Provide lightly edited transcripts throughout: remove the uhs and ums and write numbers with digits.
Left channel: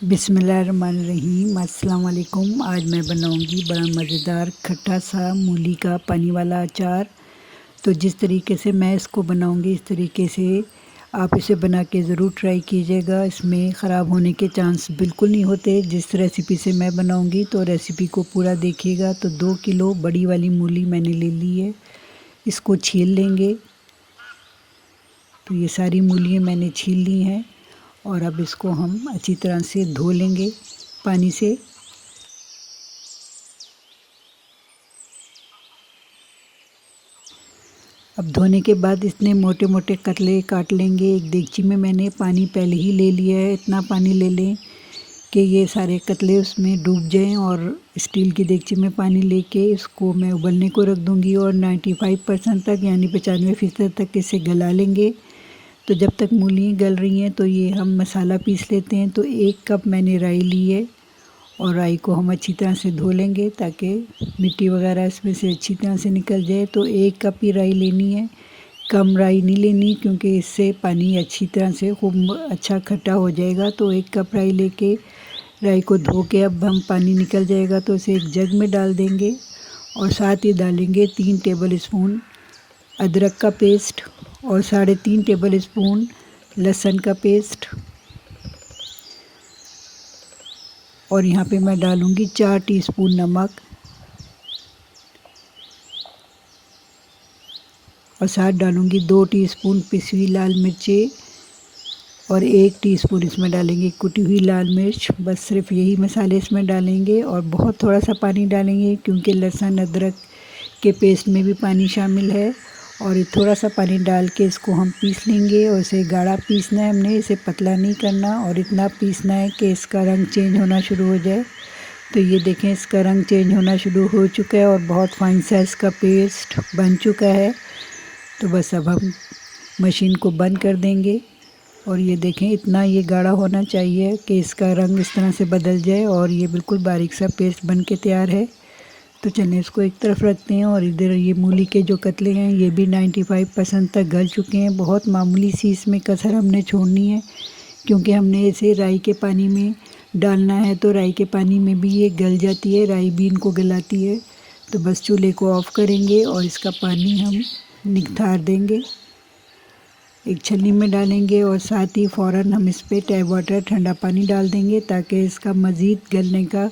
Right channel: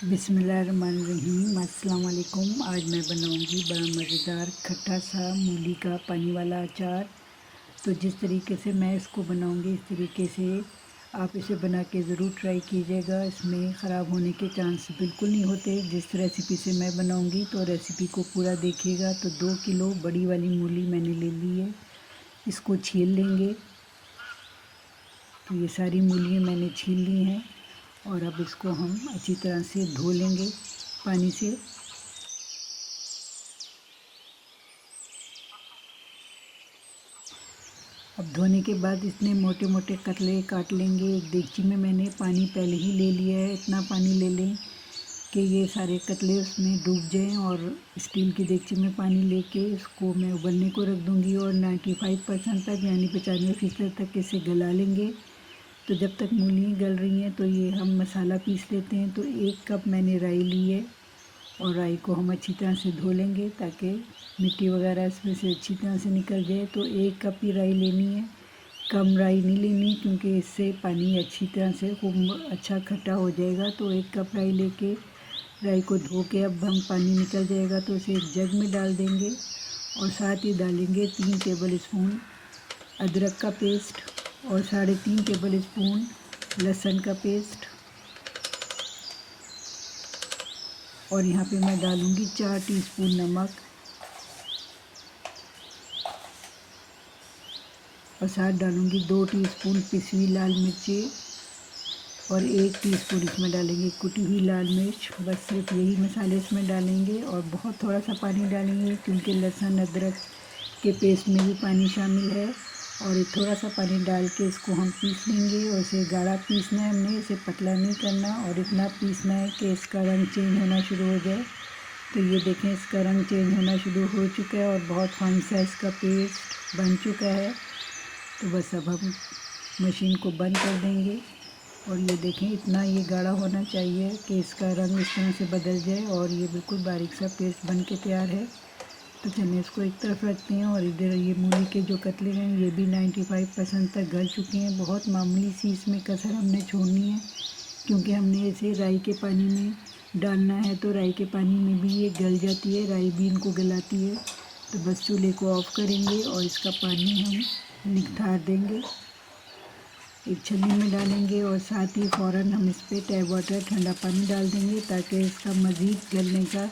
बिस्मिल्लाहिर्रहमानिर्रहीम। अस्सलाम वालेकुम। आज मैं बनाऊंगी बड़ा मज़ेदार खट्टा सा मूली का पानी वाला अचार। तो जिस तरीके से मैं इसको बनाऊंगी इस तरीके से आप इसे बना के ज़रूर ट्राई कीजिएगा। इसमें ख़राब होने के चांस बिल्कुल नहीं होते। जिस रेसिपी से मैं बनाऊंगी तो रेसिपी को पूरा देखिएगा। तो 2 किलो बड़ी वाली मूली मैंने ले ली है, इसको छील लेंगे। तो ये सारी मूलियाँ मैंने छील ली हैं और अब इसको हम अच्छी तरह से धो लेंगे पानी से। अब धोने के बाद इतने मोटे मोटे कतले काट लेंगे। एक देगची में मैंने पानी पहले ही ले लिया है। इतना पानी ले लें कि ये सारे कतले उसमें डूब जाएं और स्टील की देगची में पानी लेके इसको मैं उबलने को रख दूंगी और 95% तक यानी 95% तक इसे गला लेंगे। तो जब तक मूली गल रही हैं तो ये हम मसाला पीस लेते हैं। तो 1 कप मैंने राई ली है और राई को हम अच्छी तरह से धो लेंगे ताकि मिट्टी वगैरह इसमें से अच्छी तरह से निकल जाए। तो 1 कप ही राई लेनी है, कम राई नहीं लेनी क्योंकि इससे पानी अच्छी तरह से खूब अच्छा खट्टा हो जाएगा। तो 1 कप राई लेके राई को धो के अब हम पानी निकल जाएगा तो इसे एक जग में डाल देंगे और साथ ही डालेंगे 3 टेबल स्पून अदरक का पेस्ट और 3.5 टेबल स्पून लहसुन का पेस्ट। और यहाँ पे मैं डालूँगी 4 टीस्पून नमक और साथ डालूँगी 2 टीस्पून पिसी हुई लाल मिर्ची और 1 टीस्पून इसमें डालेंगे कुटी हुई लाल मिर्च। बस सिर्फ यही मसाले इसमें डालेंगे और बहुत थोड़ा सा पानी डालेंगे क्योंकि लहसुन अदरक के पेस्ट में भी पानी शामिल है। और ये थोड़ा सा पानी डाल के इसको हम पीस लेंगे और इसे गाढ़ा पीसना है हमने, इसे पतला नहीं करना और इतना पीसना है कि इसका रंग चेंज होना शुरू हो जाए। तो ये देखें इसका रंग चेंज होना शुरू हो चुका है और बहुत फाइन साइज़ का पेस्ट बन चुका है। तो बस अब हम मशीन को बंद कर देंगे और ये देखें इतना ये गाढ़ा होना चाहिए कि इसका रंग इस तरह से बदल जाए और ये बिल्कुल बारीक सा पेस्ट बन के तैयार है। तो चलिए इसको एक तरफ रखते हैं और इधर ये मूली के जो कतले हैं ये भी 95% तक गल चुके हैं। बहुत मामूली सी इसमें कसर हमने छोड़नी है क्योंकि हमने इसे राई के पानी में डालना है। तो राई के पानी में भी ये गल जाती है, राई भी इनको गलाती है। तो बस चूल्हे को ऑफ़ करेंगे और इसका पानी हम निकाल देंगे, एक छन्नी में डालेंगे और साथ ही फ़ौरन हम इस पर टैप वाटर ठंडा पानी डाल देंगे ताकि इसका मज़ीद गलने का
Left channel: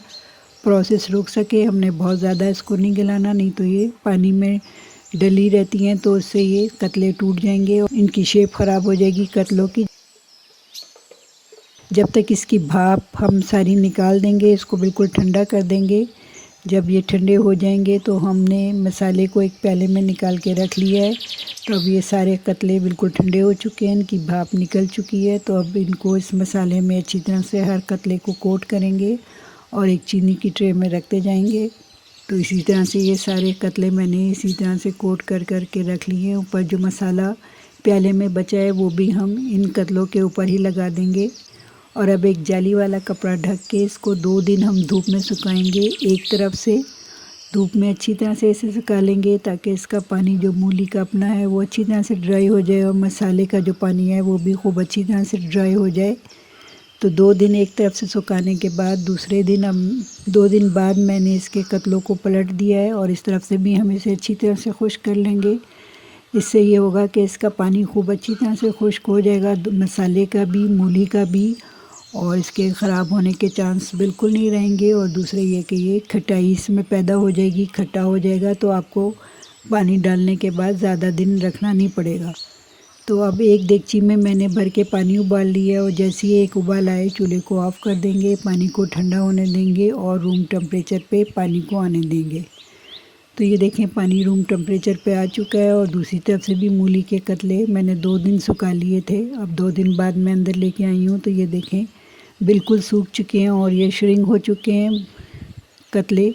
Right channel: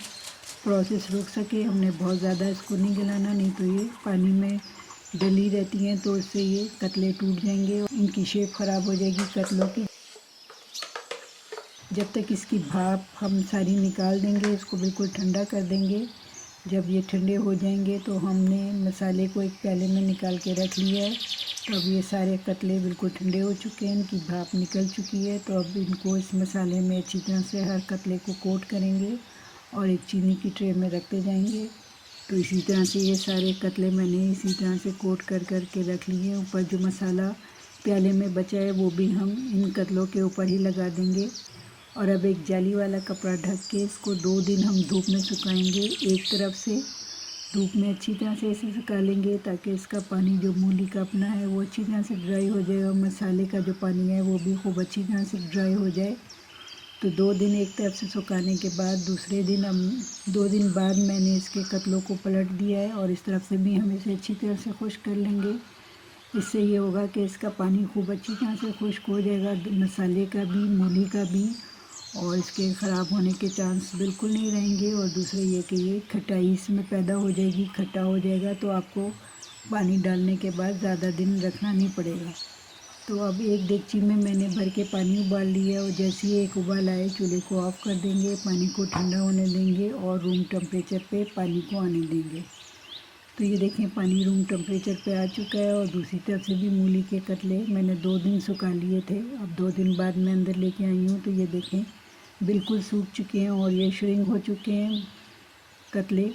प्रोसेस रुक सके। हमने बहुत ज़्यादा इसको नहीं गलाना, नहीं तो ये पानी में डली रहती हैं तो इससे ये कतले टूट जाएंगे और इनकी शेप ख़राब हो जाएगी कतलों की। जब तक इसकी भाप हम सारी निकाल देंगे, इसको बिल्कुल ठंडा कर देंगे। जब ये ठंडे हो जाएंगे तो हमने मसाले को एक प्याले में निकाल के रख लिया है। तो अब ये सारे कतले बिल्कुल ठंडे हो चुके हैं, इनकी भाप निकल चुकी है। तो अब इनको इस मसाले में अच्छी तरह से हर कतले को कोट करेंगे और एक चीनी की ट्रे में रखते जाएंगे। तो इसी तरह से ये सारे कतले मैंने इसी तरह से कोट कर के रख लिए हैं। ऊपर जो मसाला प्याले में बचा है वो भी हम इन कतलों के ऊपर ही लगा देंगे और अब एक जाली वाला कपड़ा ढक के इसको 2 दिन हम धूप में सुखाएंगे। एक तरफ से धूप में अच्छी तरह से इसे सुखा लेंगे ताकि इसका पानी जो मूली का अपना है वो अच्छी तरह से ड्राई हो जाए और मसाले का जो पानी है वो भी खूब अच्छी तरह से ड्राई हो जाए। तो 2 दिन एक तरफ से सुखाने के बाद दूसरे दिन हम 2 दिन बाद मैंने इसके कतलों को पलट दिया है और इस तरफ से भी हम इसे अच्छी तरह से खुश्क कर लेंगे। इससे ये होगा कि इसका पानी खूब अच्छी तरह से खुश्क हो जाएगा, मसाले का भी मूली का भी, और इसके ख़राब होने के चांस बिल्कुल नहीं रहेंगे। और दूसरा ये कि ये खटाई इसमें पैदा हो जाएगी, खट्टा हो जाएगा तो आपको पानी डालने के बाद ज़्यादा दिन रखना नहीं पड़ेगा। तो अब एक देगची में मैंने भर के पानी उबाल लिया और जैसे ही एक उबाल आए चूल्हे को ऑफ़ कर देंगे, पानी को ठंडा होने देंगे और रूम टेम्परेचर पे पानी को आने देंगे। तो ये देखें पानी रूम टेम्परेचर पे आ चुका है और दूसरी तरफ से भी मूली के कतले मैंने 2 दिन सुखा लिए थे। अब 2 दिन बाद मैं अंदर लेके आई हूँ तो ये देखें बिल्कुल सूख चुके हैं और ये श्रिंक हो चुके हैं कतले।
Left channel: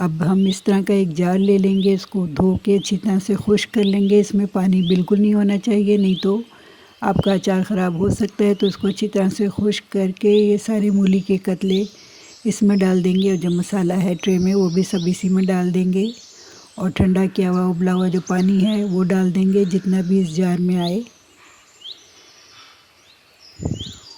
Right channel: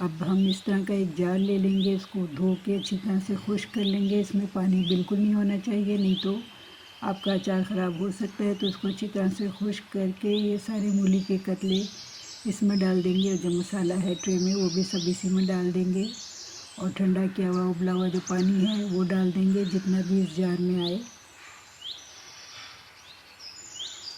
अब हम इस तरह का एक जार ले लेंगे, इसको धो के अच्छी तरह से खुश्क कर लेंगे। इसमें पानी बिल्कुल नहीं होना चाहिए, नहीं तो आपका अचार ख़राब हो सकता है। तो इसको अच्छी तरह से खुश्क करके ये सारे मूली के कतले इसमें डाल देंगे और जो मसाला है ट्रे में वो भी सब इसी में डाल देंगे और ठंडा किया हुआ उबला हुआ जो पानी है वो डाल देंगे जितना भी इस जार में आए।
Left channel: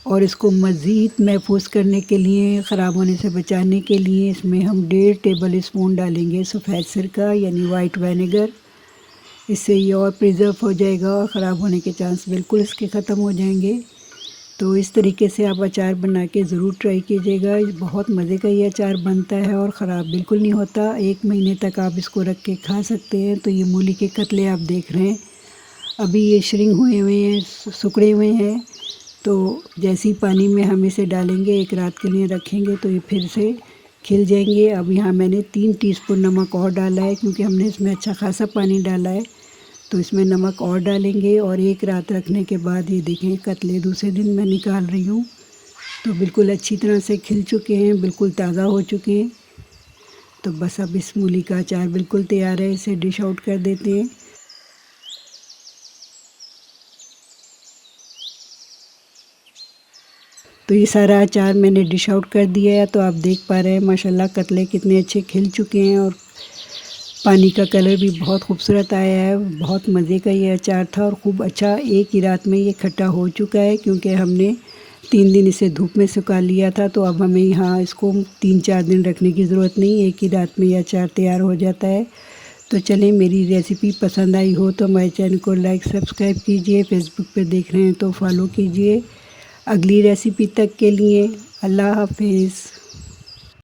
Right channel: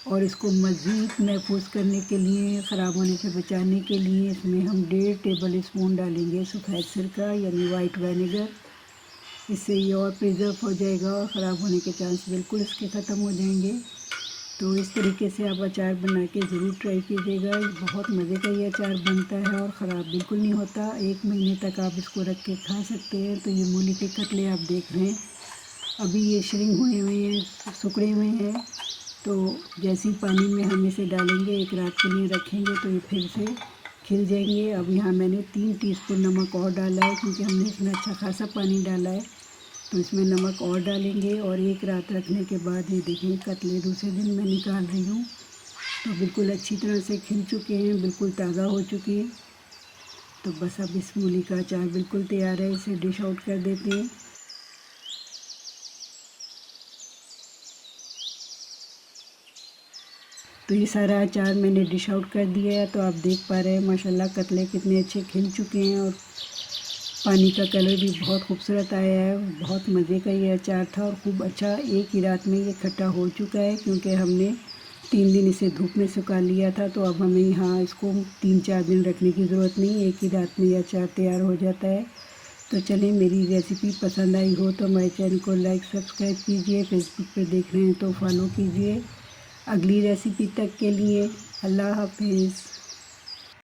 और इसको मज़ीद महफूज करने के लिए, ख़राब होने से बचाने के लिए इसमें हम 1.5 टेबल स्पून डालेंगे सफ़ेद सिरका यानी वाइट विनेगर। इससे ये और प्रिज़र्व हो जाएगा और ख़राब होने के चांस बिल्कुल इसके ख़त्म हो जाएंगे। तो इस तरीके से आप अचार बना के ज़रूर ट्राई कीजिएगा। बहुत मज़े का ये अचार बनता है और ख़राब बिल्कुल नहीं होता। 1 महीने तक आप इसको रख के खा सकते हैं। तो ये मूली के कतले आप देख रहे हैं, अभी ये श्रिंक हुए हैं, सिकुड़े हुए हैं। तो जैसे ही पानी में हम इसे डालेंगे, एक रात के लिए रखेंगे, तो ये फिर से खिल जाएंगे। अब यहाँ मैंने 3 टीस्पून नमक और डाला है, क्योंकि हमने इसमें अच्छा खासा पानी डाला है। तो इसमें नमक और डालेंगे और एक रात रखने के बाद ये देखें कतले दूसरे दिन मैं निकाल रही हूँ, तो बिल्कुल अच्छी तरह से खिल चुके हैं, बिल्कुल ताज़ा हो चुके हैं। तो बस अब इस मूली का अचार बिल्कुल तैयार है, इसे डिश आउट कर देते हैं। तो ये सारा अचार मैंने डिश आउट कर दिया है। तो आप देख पा रहे हैं माशाल्लाह कतले कितने अच्छे खिल चुके हैं और पानी का कलर भी बहुत खूबसूरत आया है। बहुत मज़े का ये अचार था और खूब अच्छा एक ही रात में ये खट्टा हो चुका है, क्योंकि हमने 3 दिन इसे धूप में सुखा लिया था। तो अब हमें यहाँ इसको 3-4 दिन रखने की ज़रूरत नहीं, एक ही रात में ये अचार तैयार हो जाता है। तो चलें, मेरी रेसिपी पसंद आई हो तो हमारे चैनल को लाइक सब्सक्राइब कीजिए। फेसबुक पर देख रहे हैं तो फॉलो कीजिए। अगली रेसिपी तक के लिए अल्लाह हाफिज़।